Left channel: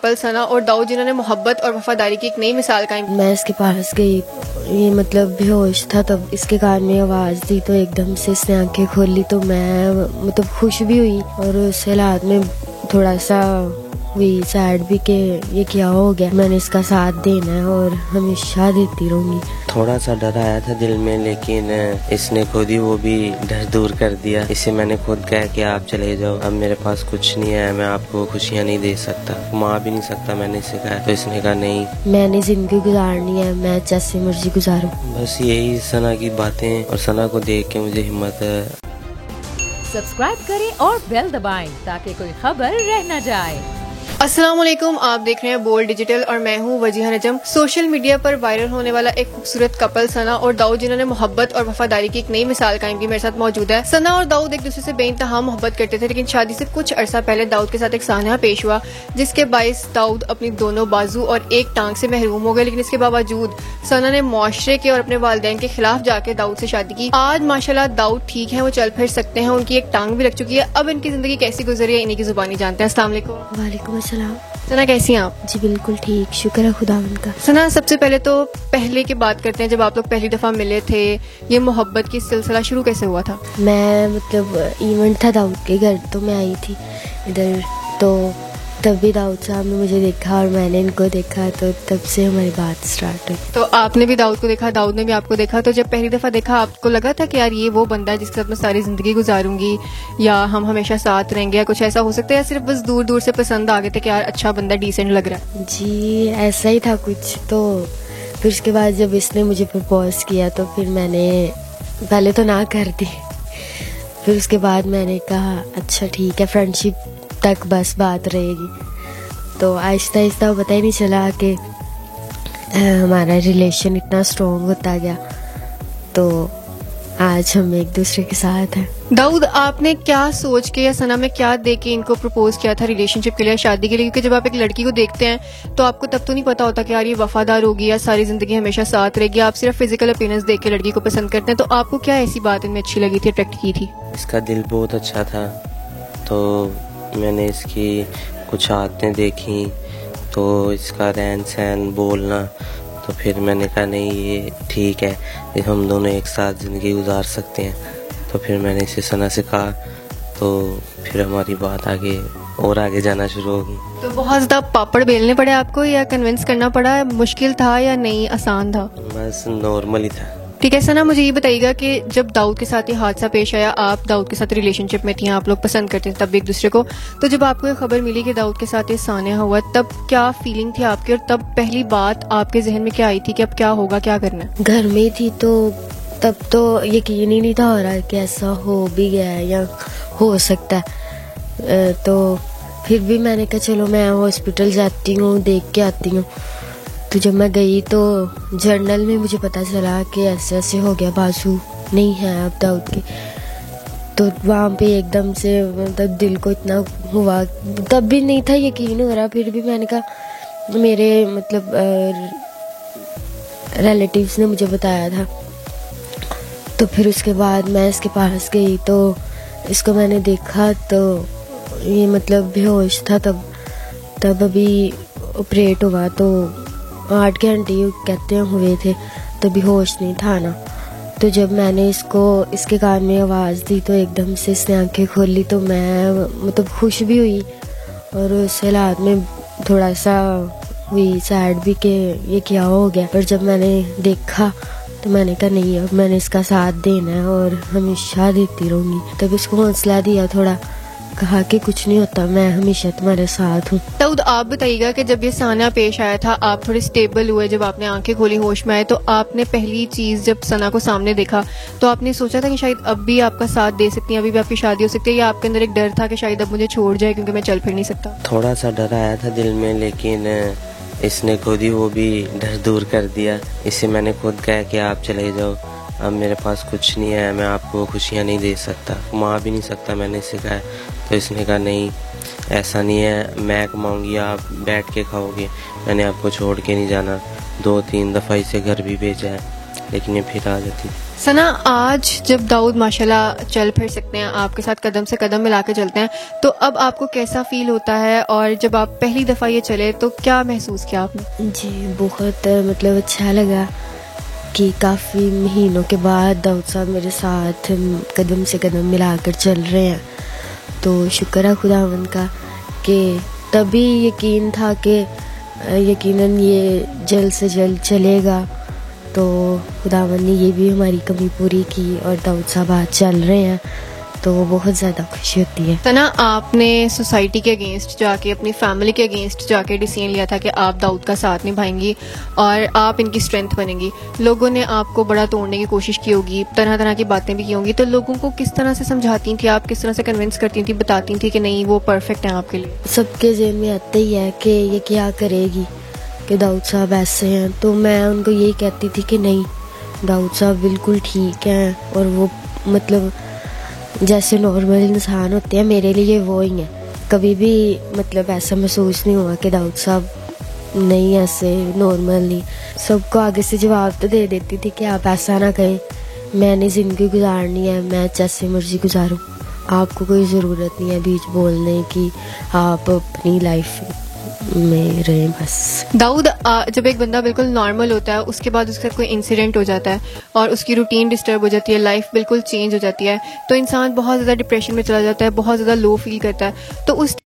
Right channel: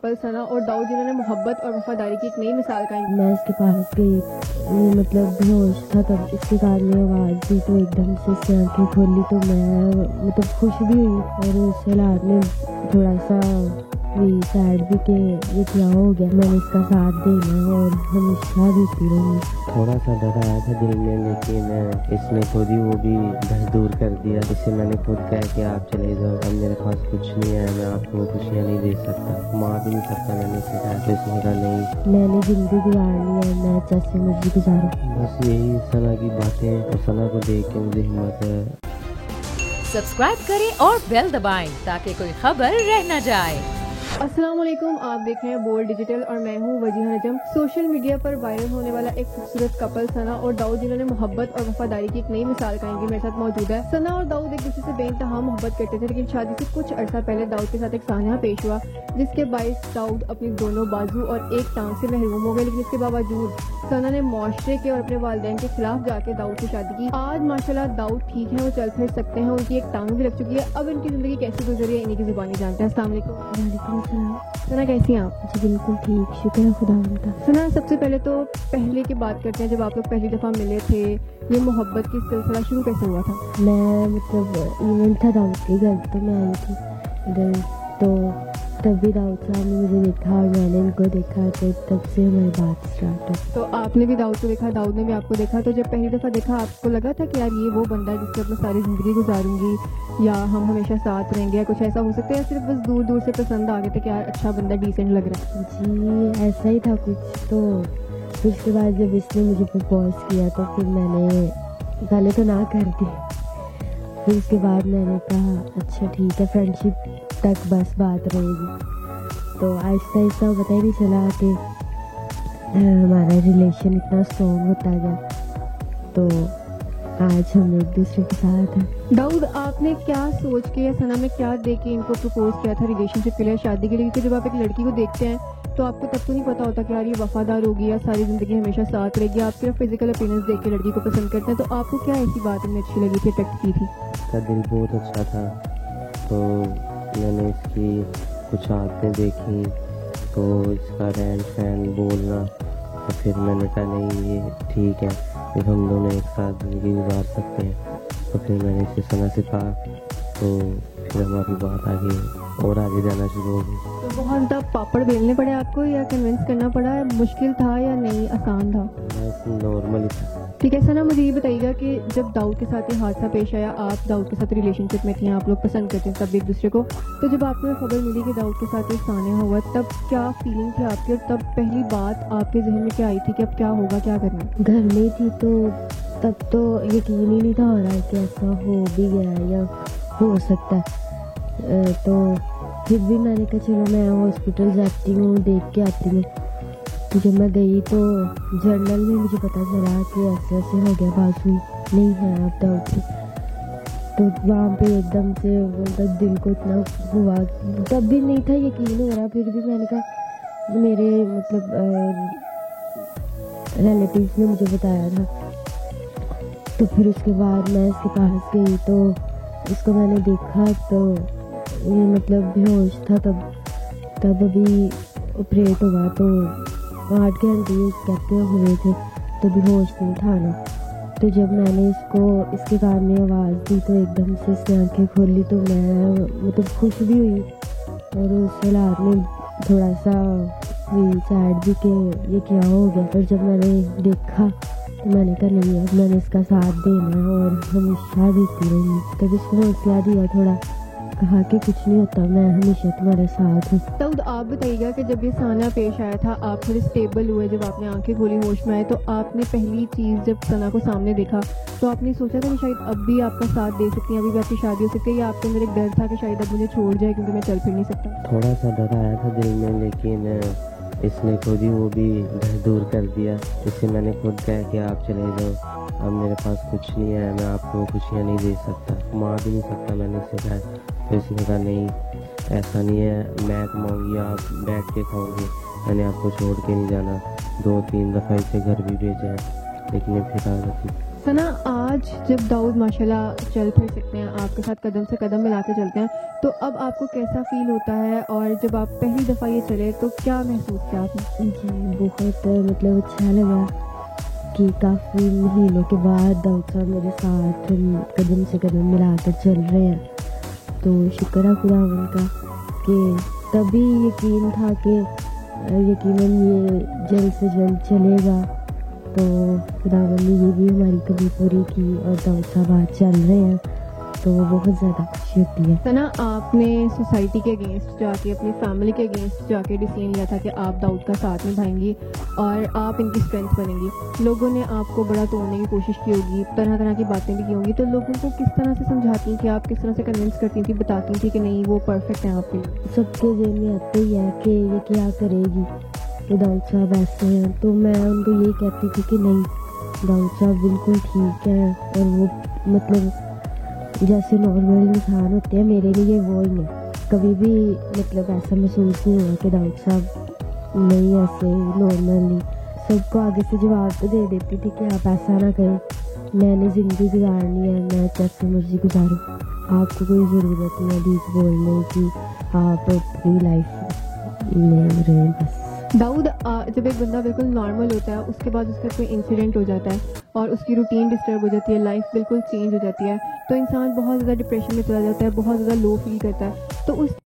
Couple सना और दाऊद जिन्होंने मोहब्बत और वफादारी की एक नई मिसाल कायम की। मैं इसके पास गई, ये मतलब बेहोश था, तब इसके कान में आवाज़ दी तो एकदम से इसने आंखें खोली तो मैं मतलब खुश भी हुई और उस हालात में थोड़ा सा हुई सैड भी कि ये क्या हो गया। मैंने इसका साथ देना है और हमेशा देती रहूंगी। थोड़ा सा डर आया था दिल में, लेकिन इसने खुद ही वो भी डर दूर कर दिया। इसे मैंने खुद कहा कि आप चले जाओ, अब मेरे पास कुछ नहीं है, मैं आपको खुशियाँ नहीं दे सकता, माँ भी नहीं सकता। मैंने इसे कहा तो इसने कहा नहीं, मैंने जिंदगी गुजारनी है, मैं जैसे मर्जी गुजारूं। बस यही सना की बातें, और सना को देख के मुझे हिम्मत है। सब्सक्राइब करें और बेल दबाएं ताकि कोई खबर रह न जाए। अस्सलाम वालेकुम, आप देख रहे हैं बोल्ड डिजिटल और मैं हूं वजीहा नजम। सोशल मीडिया पर वायरल होने वाला एक खूबसूरत कपल सना और दाऊद जिन्होंने मोहब्बत और वफादारी की एक नई मिसाल कायम की मेरे साथ मौजूद है। सना और दाऊद एक दूसरे से बेइंतहा मोहब्बत करते थे, लेकिन शादी से कुछ अरसा पहले दाऊद के साथ एक सानहा पेश हुआ जिसके बाइस दाऊद अपनी दोनों बाजू और एक टांग से महरूम हो गए। लेकिन इसके बावजूद सना ने मुआशरे के और अपने वालिदैन के खिलाफ जाके दाऊद से शादी की। आज माशाल्लाह दाऊद ठीक है, वो चल फिर सकते हैं, उनकी एक टांग भी लग चुकी है। अब इनकी जिंदगी कैसी गुजरी है इन्हीं की जुबानी जानते हैं। अस्सलाम वालेकुम। वालेकुम अस्सलाम। सना कैसी हैं आप? जी बिल्कुल ठीक, शुक्र है खुदा उनका। सना सबसे पहले तो पहले की बात करते हैं, जब आप लोग पहली दफा मिले थे, ये मोहब्बत की सिलसिला शुरू कैसे हुआ था? मैं मतलब इवेंट था दाऊद के घर, तो मैं आई थी इधर, तो तब भी दाऊद साहब ने मुझे देखा और मैंने इनको देखा, तो तब से हमारी बात स्टार्ट हुई। तो आपने भी दाऊद को देखा, दाऊद ने भी आपको देखा, तो जब पहली दफा देखा आपको लगा था कि यार ये वो बंदा है जिसके साथ मैं सारी जिंदगी गुजारूंगी, या हम हमेशा साथ रहेंगे, या कुछ ऐसा हो सकता है, या सिर्फ बस दूर दूर से पसंद आ गए थे कि यार अच्छा बंदा, डिसेंट लग रहा है? जी ऐसा ही था कुछ। तो फिर उसके बाद जब इसने मुझे प्रपोज किया तो फिर मैंने पहले तो ना कर दी, फिर उसके बाद मैंने कहा अच्छा ठीक है, फ्रेंडशिप तक बस बात रहेगी। तो आहिस्ता आहिस्ता पता ही नहीं चला कि हमारा रिलेशन इतना स्ट्रॉन्ग होता गया, तो आज हम एक दूसरे के साथ हैं। दाऊद, आपने क्या सोच के या सना में क्या देख के इनको प्रपोज किया था रिलेशनशिप के लिए, शादी के लिए? क्योंकि जब आप एक लड़की को देखते हैं तो आपको तब तो नहीं पता होता कि यार ये वफादार होगी या सारी जिंदगी हमेशा साथ रहेगी। आप सिर्फ फिजिकल अपीयरेंस देख के लड़की को पसंद करते हैं, तो आपको क्या ऐसी बात इनमें अच्छी लगी थी, अट्रैक्ट की थी? इसका दिल बहुत अच्छा था, तो मैंने इसकी कुछ आदतें देखी, तो इसका रहन सहन, बोलना, तो फिर मैंने कहा नहीं ये ठीक है, ये हम दोनों एक साथ ज़िंदगी गुजार सकते हैं। तो फिर मैंने इसे सना से कहा, तो फिर हमारी बात आगे जाना शुरू हो गई। तो बहुत ज़्यादा पापड़ बेलने पड़े आपको, या कन्विंस करना पड़ा? मुश्किल था या नहीं, आसान था? बस नॉर्मल ही था। ठीक है सना, मुझे ये बताइएगा कि जब दाऊद के साथ ये हादसा पेश आया, आप दाऊद के साथ रिलेशनशिप में थी, आप लोग पसंद करते थे तब एक दूसरे को, तो जब आपको ये खबर मिली कि दाऊद के साथ ये सान्या हुआ, तब क्या फीलिंग थी आपकी, और तब पहली बात आपके जहन में क्या आई थी कि अब क्या होगा, क्या करना है? घर में थी तो तब तो यकीन ही नहीं था हो रहा कि ऐसा हो भी गया है या हो सकता है। तो फिर भी मैंने कहा चलो मैं हॉस्पिटल जाती हूँ, देख के आती हूँ। तो जब मैं गई तो जर्नल में मुझे पता चला कि ऐसे ऐसे हो गया, बाजू नहीं है अब दाऊद की। तो वहाँ पे एकदम से मतलब दिल को इतना हुआ, तब भी नहीं था यकीन हो रहा। फिर भी मैंने कहा, मेरे मतलब रिलेटिव्स ने मुझे बताया था, तो फिर उसके बाद मैं इसके पास गई तो इसको मैंने देखा तो ये मतलब बेहोश था, तब अभी ऑपरेट हुआ तो 8 घंटे कहते हैं हुए थे, तो बेहोश नहीं था ना। तो जब मैंने इसके कान में आवाज़ दी तो एकदम से इसने आंखें खोली तो मैं मतलब खुश भी हुई और उस हालात में थोड़ा सा हुई सैड भी कि ये क्या हो गया। पर जब मैंने देखा तो मैंने कहा नहीं, अब मैंने इसका साथ देना है और हमेशा देती रहूंगी। तब इसको हौसला दिया थोड़ा, कहा कि कुछ नहीं होता, मैं हमेशा तुम्हारे साथ हूँ। दाऊद, आप बताइएगा कि जब ये सान्या पेश आया था, आप थोड़े स्टेबल हुए, जब आपने आंखें खोली, होश में आए, तो आपने पहली चीज़ जब सना को सामने देखा तो आपने सोचा था कि शायद अब भी आपका साथ दे सकती है, अभी भी आपकी शादी हो सकती है, या आपके अंदर एक डर था कि शायद अब मुझे छोड़ जाए क्योंकि मैं चल फिर नहीं सकता? थोड़ा सा डर आया था दिल में, लेकिन इसने खुद ही वो भी डर दूर कर दिया। इसे मैंने खुद कहा कि आप चले जाओ, अब मेरे पास कुछ नहीं है, मैं आपको खुशियाँ नहीं दे सकता, माँ भी नहीं सकता। मैंने इसे कहा तो इसने कहा नहीं, ऐसा नहीं है, मैं कमाऊँगी, आप बैठ के खाओगे, मैंने आपको छोड़ के नहीं जाना। 2-3 दफ़ा इसे घर भी भेजा है, लेकिन ये फिर आ जाती थी। सना, आज जब दाऊद माशाल्लाह चल फिर सकते हैं, आपके साथ कदम से कदम मिला के चलते हैं, तो अब आपको कैसा फील होता है? और जब आप पहली दफ़ा ये चले तो क्या महसूस किया आपने? जी बहुत मतलब अच्छा लगा कि काफ़ी महीनों के बाद दाऊद साहब मेरे साथ कदम से कदम मिलाकर चल रहे हैं। तो शुक्र है खुदावंद का कि तभी यकीन था कि यकीनन ये जल्द से जल्द चलेगा। तो खुदावंद ने ये भी हमारी कमी पूरी की और दाऊद साहब आज चल रहे हैं, तो बहुत ज़्यादा खुशी होती है। सना, आपने सोसाइटी के अगेंस्ट जाके, अपनी फैमिली के अगेंस्ट जाके डिसीजन लिया था कि आप दाऊद का साथ निभाएंगी और आप इनकी स्ट्रेंथ बनेंगी। लोगों ने आपको बड़ा तोड़ने की कोशिश की होगी, तरह तरह की बातें भी की होंगी, तो लोगों को किस तरह से समझाती थी आप, किस तरह से कन्विंस करती थी, बताती थी कि नहीं वो परफेक्ट है आपके लिए? सबके ज़हन में आता ही है कि ये क्या करेगी, कि दाऊद साहब ऐसे हैं। तो मैं उनको यही कहती थी कि नहीं, दाऊद साहब बिल्कुल ठीक हैं और वो मतलब जैसे नॉर्मल इंसान होते हैं मेरे लिए वो ही हैं। कभी भी मतलब ऐसा महसूस नहीं हुआ कि दाऊद साहब नहीं ऐसे नॉर्मल नहीं। सबको आगे से जवाब तो दे देती थी कि आप ऐसा ना कहें, मैंने ज़िंदगी गुजारनी है, मैं जैसे मर्जी गुजारूँ, आपको कोई ज़रूरत नहीं है बीच बोलने की, आप अपनी लाइफ में रहें बस। दाऊद, जब एक बंदा बिल्कुल नॉर्मल होता है, उसके बाद उसका कोई इंसिडेंट हो जाता है और उसकी रूटीन डिस्टर्ब हो जाती है, लाइफ बिल्कुल चेंज हो जाती है, तो इंसान बहुत ज़्यादा डिप्रेशन में चला जाता है, बहुत ज़्यादा लो फील करता है। तो उस